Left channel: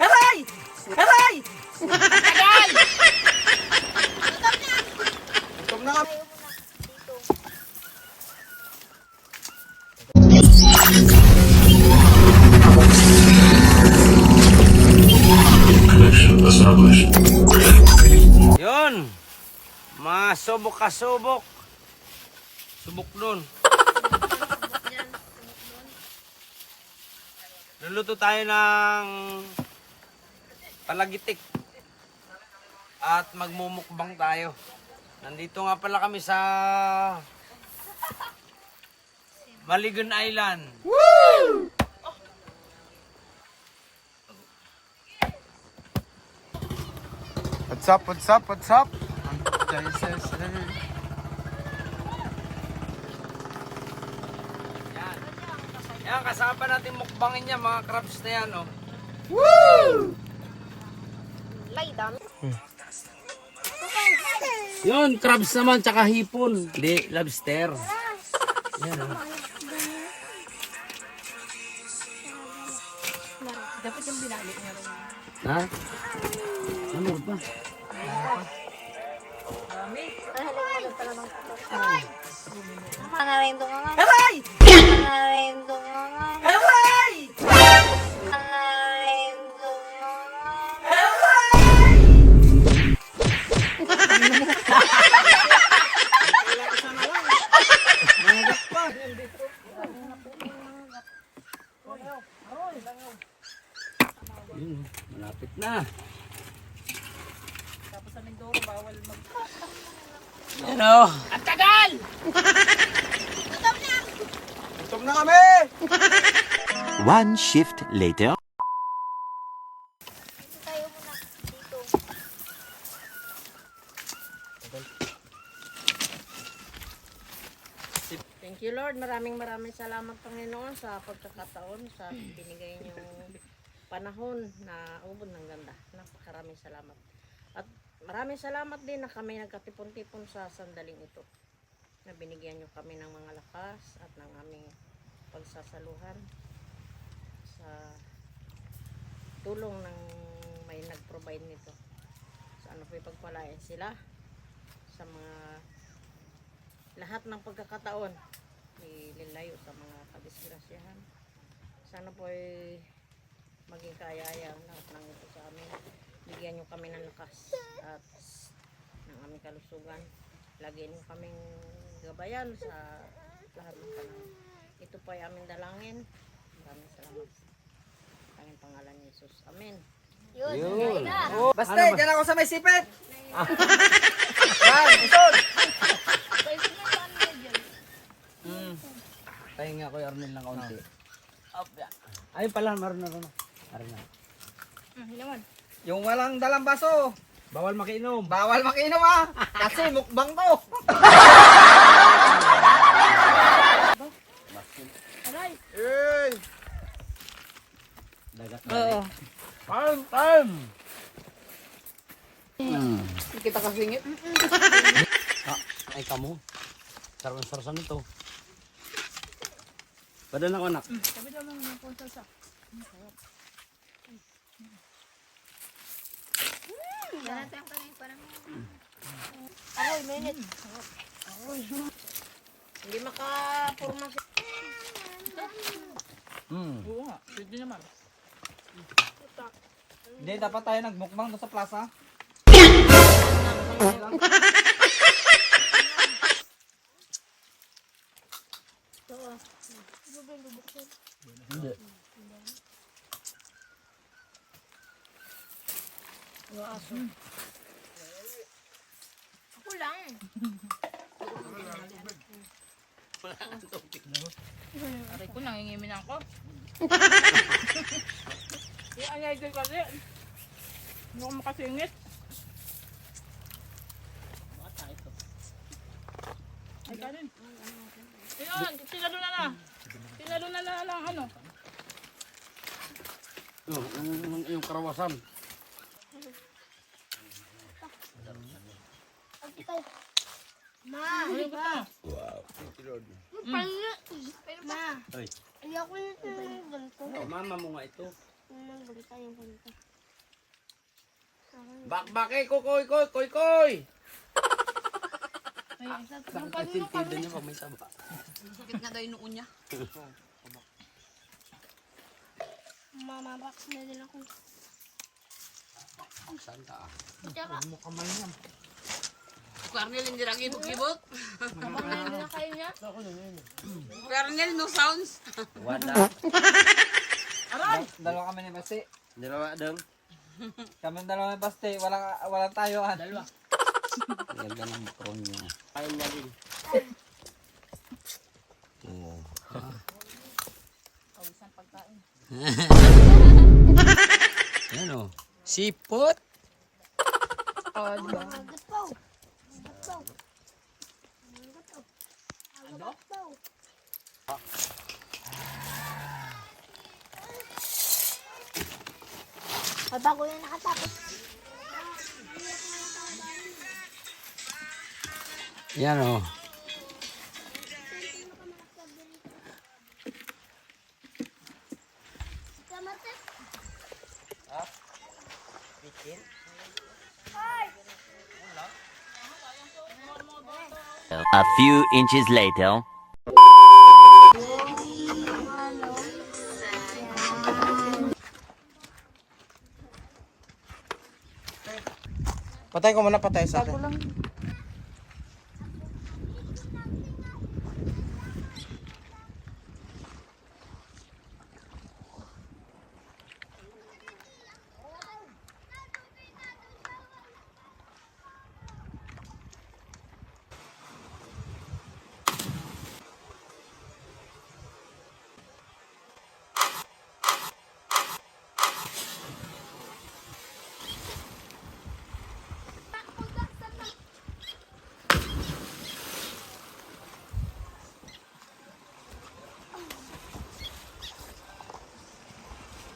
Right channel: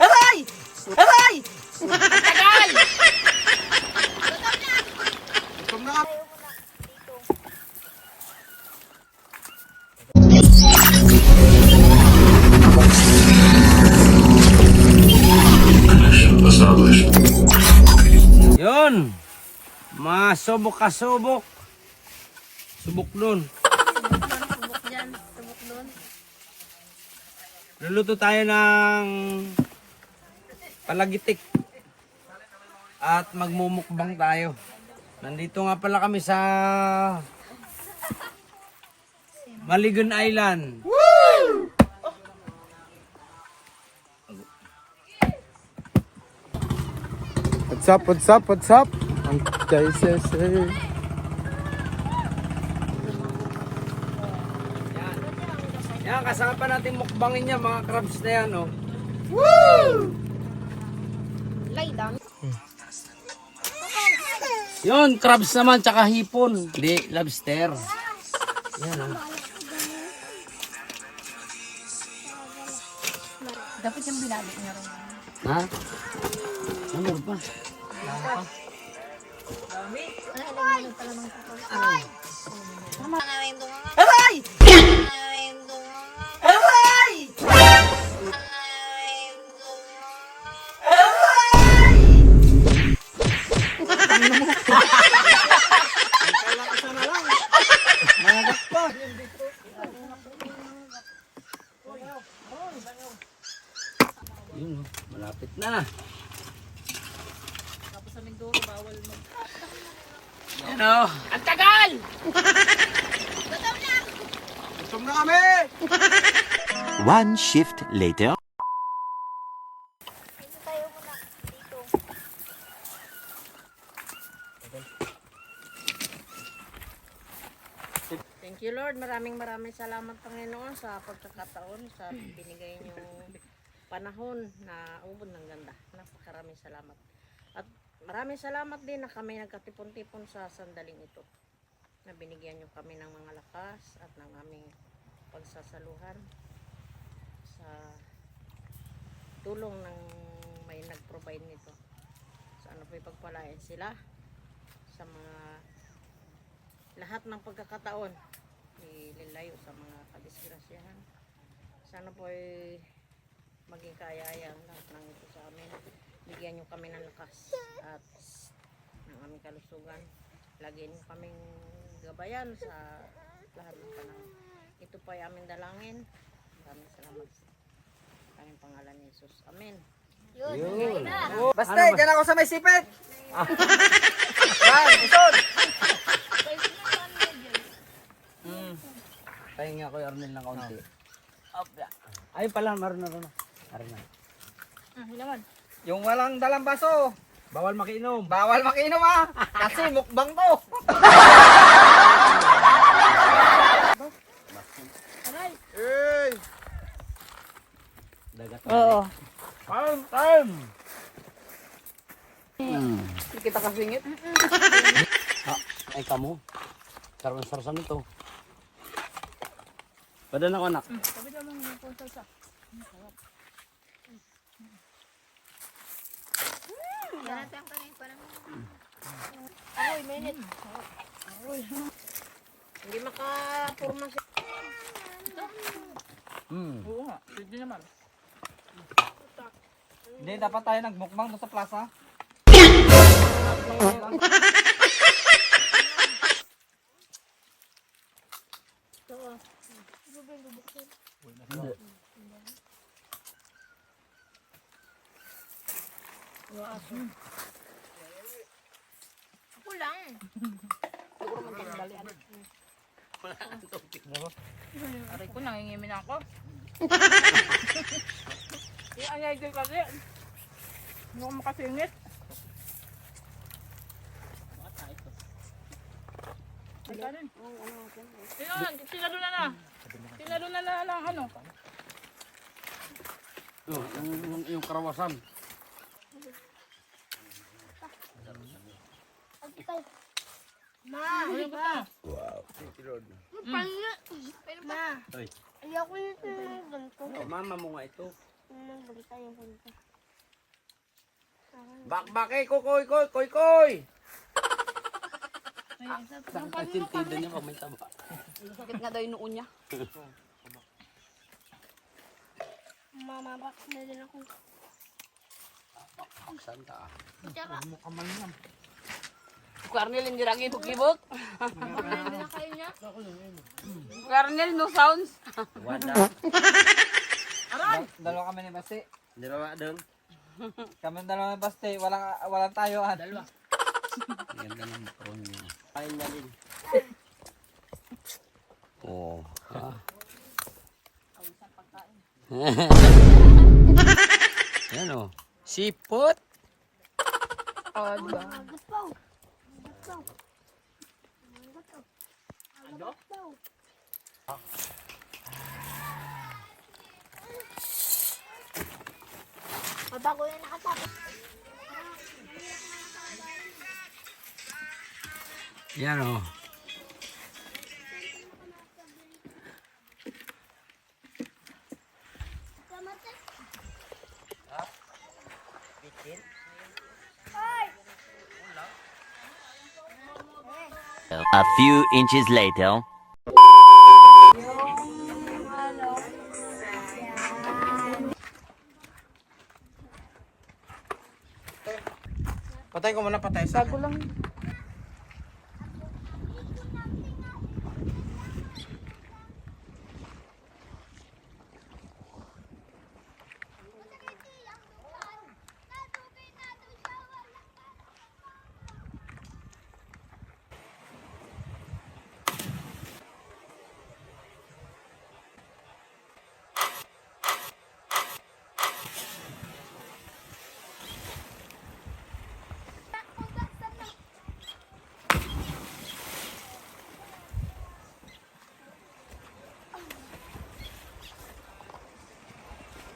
Aray! Aray! Aray! Huwag na. Yun! Masubok ka subok. Subok nun. Luluto tayo ng palagitik. At magmumukbang tayo. Nandito nga pala kami sa Maligon Island. Woo! What's up, what's up, what's up? Ang Jaisese. Yan, kasama pa natin mukbangin niya, mga crabs na yan, oh. Woo! Yun, crabs naman, tsaka hipon. Hindi, lobster. Yan, oh. Dapat yung binalik niya rin. Ha? Ano ba? Aray! Aray! Yun, malapit na. Ano? Ang tagal! Gutom na kami! One shift later. Thank you Lord, maraming salamat Panginoon sa pagkakataon, sa binigay niyong panahon na ubod ng ganda. Napakaraming salamat. At maraming salamat din na kami nagkatipon-tipon sa sandaling ito. Na binigyan niyo kami ng mga lakas at ng aming pagsasaluhan sa tulong ng may nag-provide nito. Sana po ipagpalain sila sa mga lahat ng pagkakataon, ililayo sa mga kadisgrasyahan. Sana po ay maging kaaya-aya ang lahat ng ito sa amin. Bigyan nyo kami ng lakas at ng aming kalusugan. Lagyan nyo kaming gabayan sa lahat ng panahon. Ito po ay aming dalangin. Maraming salamat sa tanging pangalan ni Jesus. Amen. Yun. Basta, dyan ako sa may sipit. Tayo nga ko yung Arnel ng kaunti. Ay pala, maroon na. Yung walang dalang baso. Bawal makiinom. Bawal makinom ah. Kasi mukbang to. Hey! Dagat. Oo. Time! Hindi kita kasingit. Ay kamo. Sarap nito. Kada na ko anak. Sabi daw lang yung ponsasa. Yan natin ang kanin parang. Aroy, minute. Hindi makapurma siya. Oo nga, pwede naman. Hindi, dapat tayo nagmukbang doon sa plaza. Hindi. Ako lang. Aray ko, nangingimin ako. Yung anyay din kasi. Hindi ako makasingit. Ay, kanin. Tinalo na ng ano. Yung karawasan. Ma, Ayun ka. pangit. Ma, Ay. ayoko nito ng ganito. Mama mo nga ito. Bakbake, kukoy, koy. Sakit nga daw yung noo niya. Mamabox na din ako. Santa. Kwarnel, hindi lang ibog-ibog. Hindi na kayo niya. Kwarnel, no sounds. Wala. Dalawa kami ni Basti. Dalawa dong. Kami dalawa ni Basti. Walang tayo. Dalawa. Ganda ng background niya. Kain na din. Oh. Yan o. Sipot. Oh, di ba? Papa ko yung nakatapos. Yan o. A few inches later. Patay ko muna, patay sa akin.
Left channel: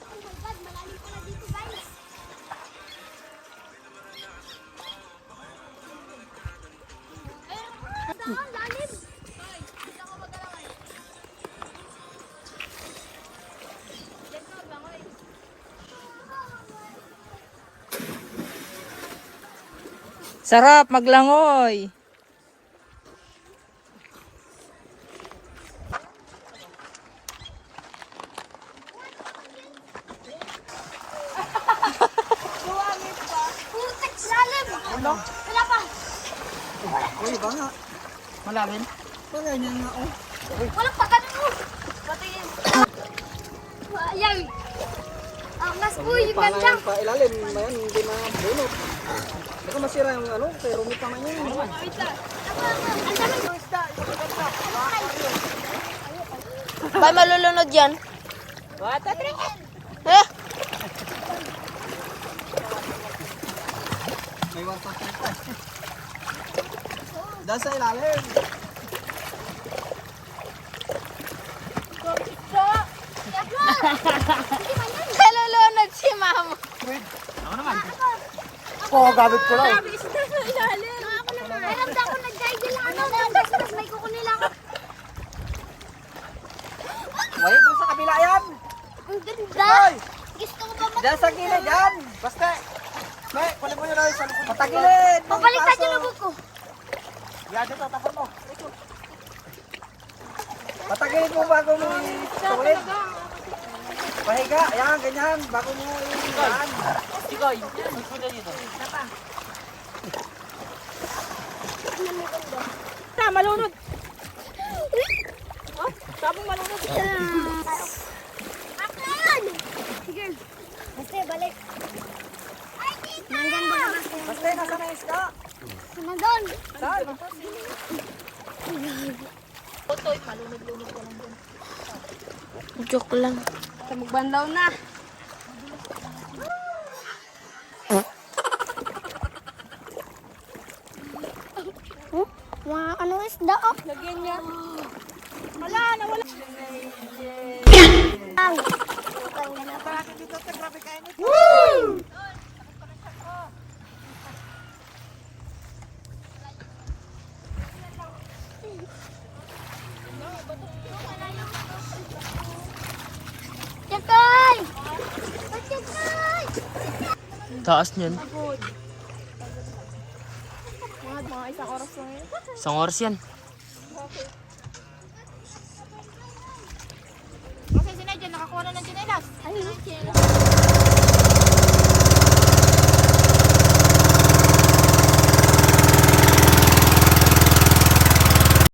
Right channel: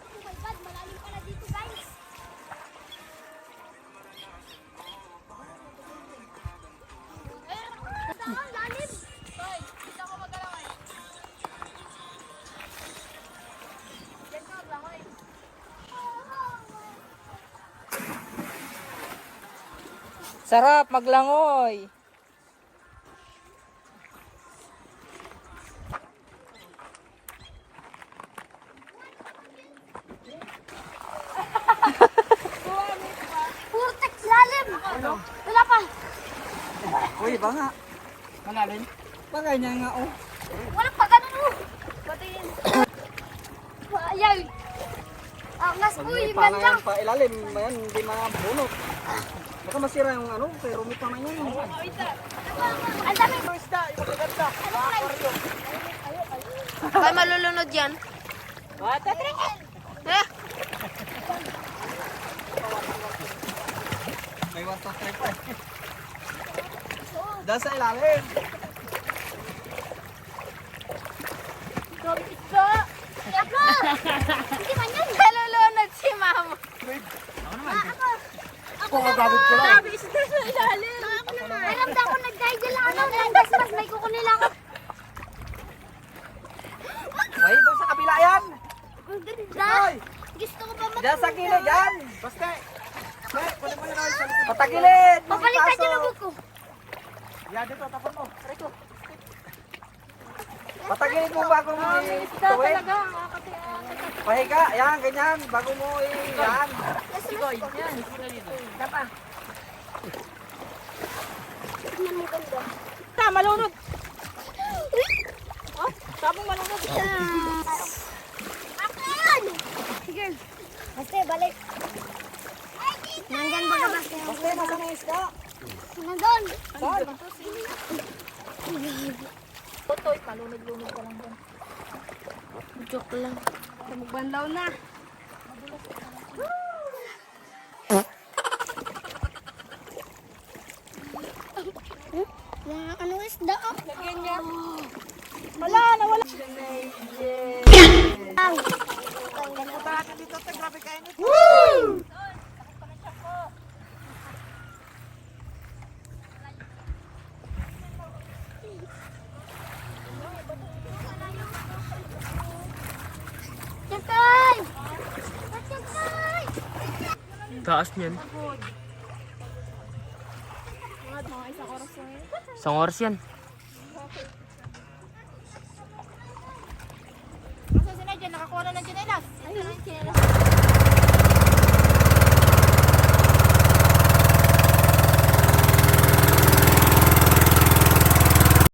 Oh my God, malalim pala dito guys. Daan, lalim. Dito ako magalawan. Diyan ka, bangoy. Sarap maglangoy. Putek, lalim. Wala pa. Uy, ba nga? Malalim? Bagay niya nga, oh. Walang pagano mo. Patingin. Ayaw. Angas po, yung ganda. Pa ilalim, yan, hindi na bunot. Baka masira yung ano, pero rumit naman yun. Ang dami. Ba malulunod yan? What? Eh, Iwan sa tayo. Dahil sa ilalim. nalulunod si mama. Oo, gabit ko lang. Sabi, isda sa ilalim. Ako naman. Alam daw ako nag-guide lang ano. Nag-guide may kukunin lang ako. Ay, doon sa kabila yan. Ang ganda. Gusto ko ba Diyan sa gilid yan. Basta. May, kunin mo yun sa likod. Patagilid. Papalitan yung lubog ko. Yan, dito, tapon mo. Ito. Patagilid mo bago mo ituwid. Pahiga, yan, ganyan. Bago mo yan. Malunod. Oh, sabong malunod. Akin! Sige. Basta, balik. Nandyan ba ka basta? Basta, nasa may isda. Nandun. Joke lang. Magbanlaw na. Mga ano isda oh. Wala, nawala. Ang. Bakit dito, grabe kayo nito. Yakay! Taas niyan. Mga isang oras lang yun. Isang oras yan. Kasi sinadya, nakakuha na ng chinelas. Ay, chinelas.